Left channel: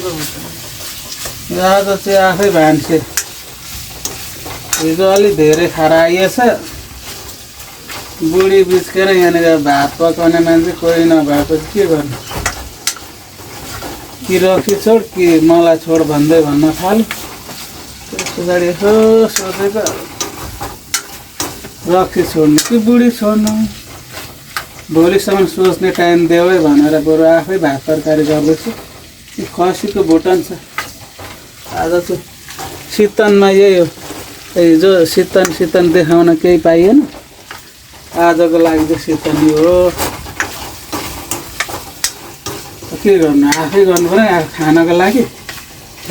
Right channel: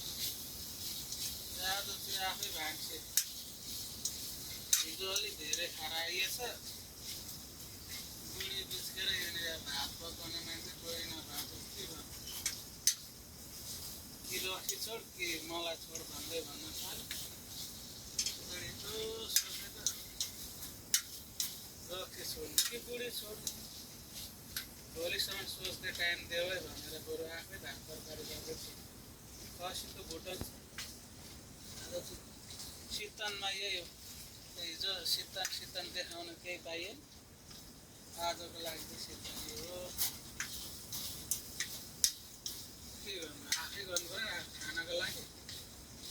आज चाहिँ आफै भान्से हिजो अलि धेरै खाएर आइएछ बुढी बिच्केर यहाँनिर भात पकाउने मान्छे कोही नभएपछि के गर्नु कि रक्सी छोड कि मलाई छोड भन्दै भन्न थाल्यो त्यस पछाडि यसो सोचेको रक्सी छोड्नु कि बुढी छोड्नु भोलिसम्म सोच्ने टाइम देऊ है भनेर बरु आफै भात तरकारी गर्दैछु कि खसीको भुटन छ आज चाहिँ शीतनमा यही हो हिजो शीतन देखाउन केही पाइएन आजको लागि चाहिँ शीतन हो के गर्नु आफै गर्नु पर्यो खानको लागि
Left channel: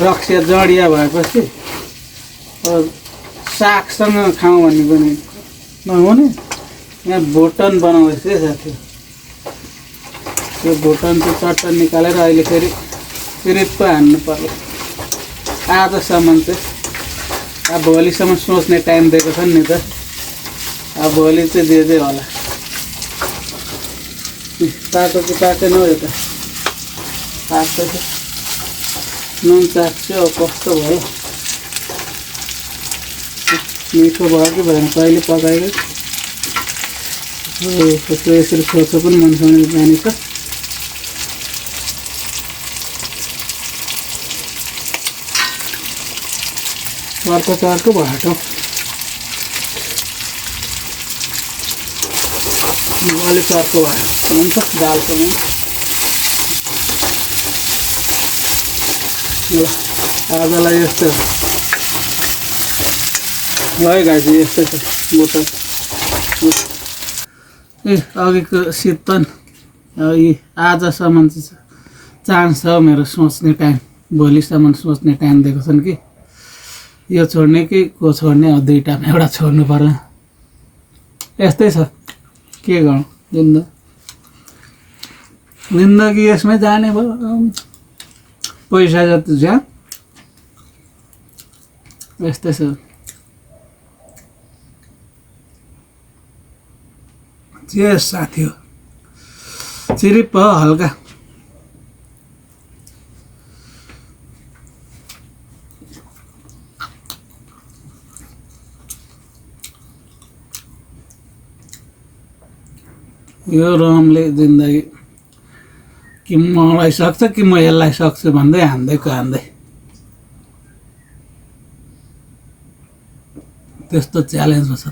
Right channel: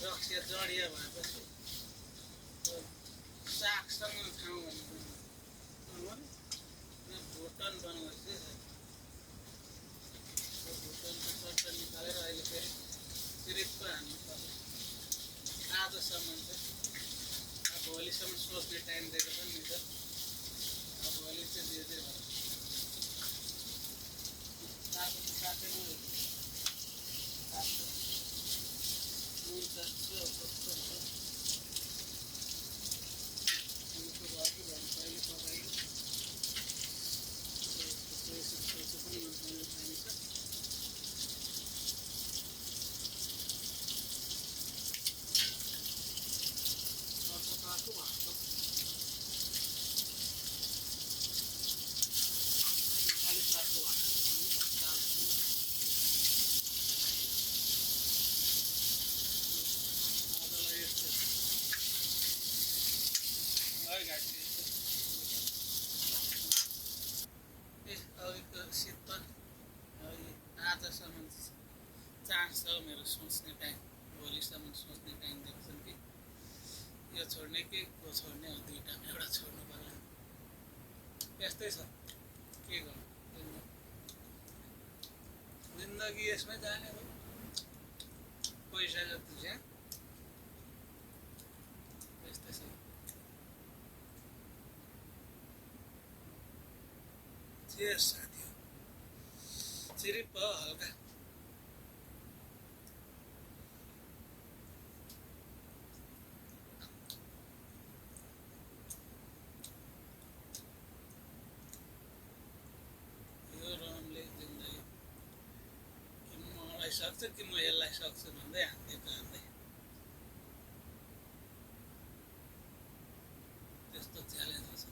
रक्सी जडिया भएपछि सागसँग खाउँ भन्ने पनि नहुने यहाँ भुटन बनाउँदैछ है साथी त्यो भुटन चाहिँ चट्ट निकालेर अहिले फेरि पो हान्नु पर्यो आजसम्म चाहिँ अब भोलिसम्म सोच्ने टाइम दिएको छ नि त अब भोलि चाहिँ दिँदै होला पाएको कि पाकेन हो यो त पाक्छ नुन चाख्छु अब कस्तो भयो मिठो भयो कि भएन कहिले पकाएको कस्तो यसरी सोच्नु पनि मनसाउने जाने छ चर्को भाटो अलिक चर्को भयो हुन्छ दालसँग ल आजलाई यस्तो है गाजी यस्तै छ बोतल ए अघिको शीतन यी आजसम्म चाहिँ चान्स छ मेरो सोच्ने टाइम भोलिसम्म सोच्ने टाइम दिएको छन् कि यो छोड्ने कि को छोड्ने अब दुईटामा एउटा छोड्नु पर्ला यस्तै छ के गर्नु जिन्दगी यसमै जाने भयो पैसा जति ज्यान यस्तै छ जे साथी हो चिरिप हो हल्का यो रमले जिन्दगी कि मलाई सक्छ कि म यसलाई सक्छु भन्दै हान्दै त्यस्तो च्यालेन्जमा छ